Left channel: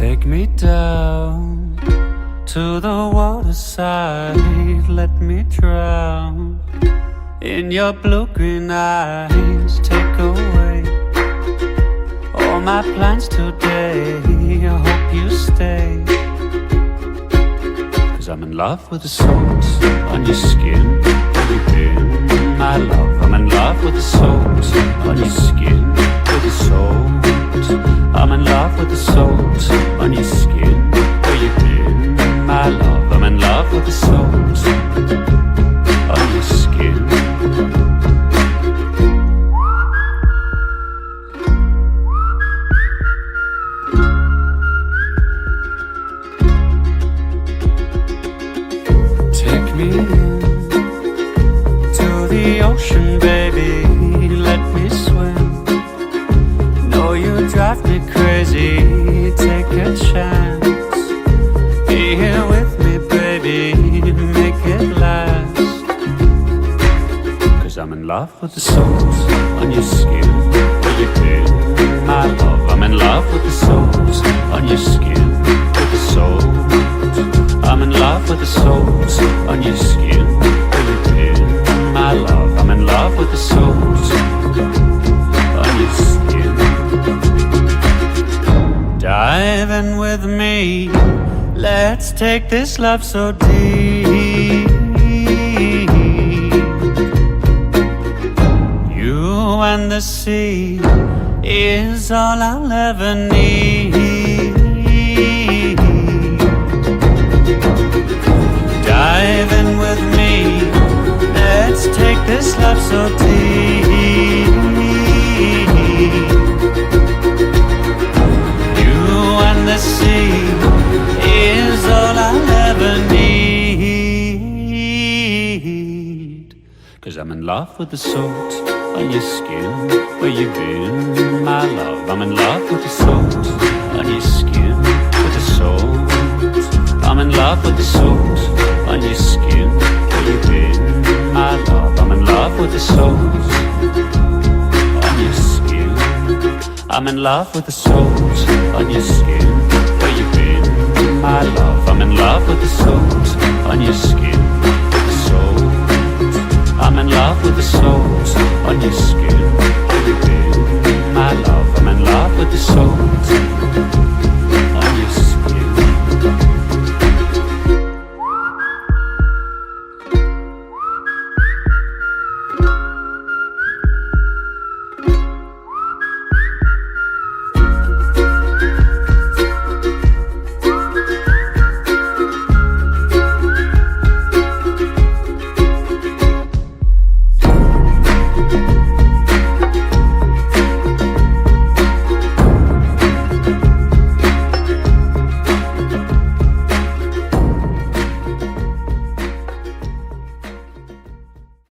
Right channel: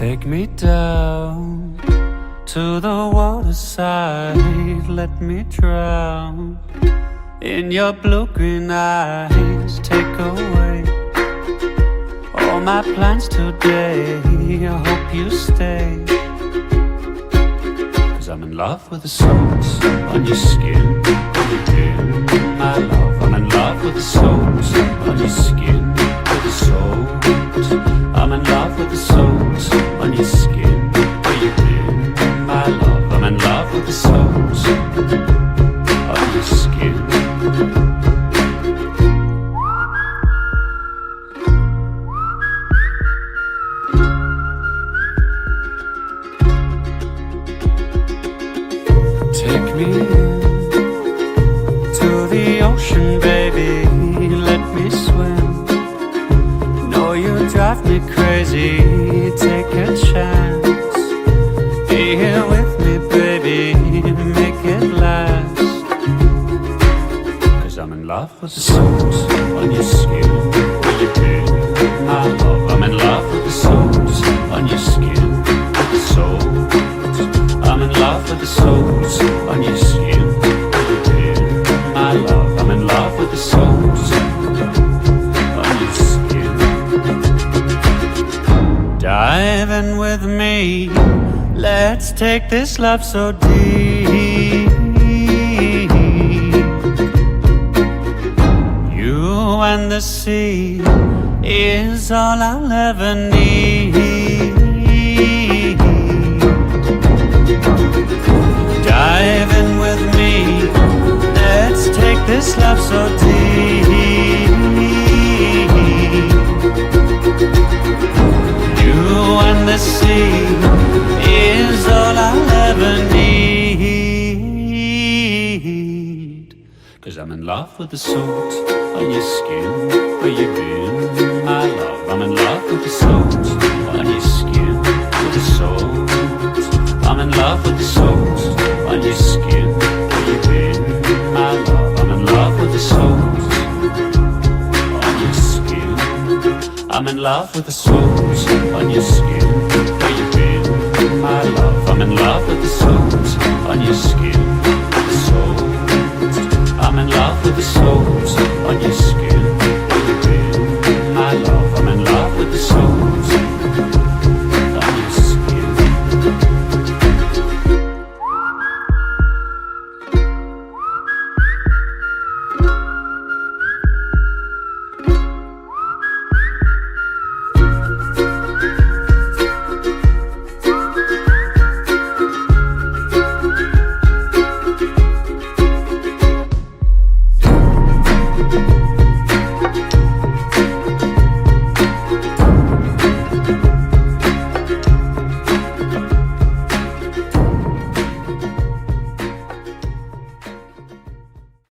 Take me down to the waterside, let me drown in your blue-green eyes. Take away all my plans today, I hope you stay, 'cause I'm in love with the salt on your skin. Where you been, my love? I'm in love with the salt on your skin. With the salt, I'm in love with the salt on your skin. Where you been, my love? I'm in love with the salt on your skin. Take me in to the ocean, baby, let me swim. No, you drive me crazy, take a chance. Be here with me, baby, make it last. 'Cause I'm in love with the salt on your skin. Where you been, my love? I'm in love with the salt on your skin. With the salt, I'm in love with the salt on your skin. Where you been, my love? I'm in love with the salt on your skin. Dive in with me, let's take this love so deep. You and the sea is all I'll ever need. Dive in with me, let's take this love so deep. You and the sea is all I'll ever need. 'Cause I'm in love with the salt on your skin. Where you been, my love? I'm in love with the salt on your skin. With the salt, I'm in love with the salt on your skin. Where you been, my love? I'm in love with the salt on your skin. I'm in love with the salt on your skin. Where you been, my love? I'm in love with the salt on your skin. With the salt, I'm in love with the salt on your skin. Where you been, my love? I'm in love with the salt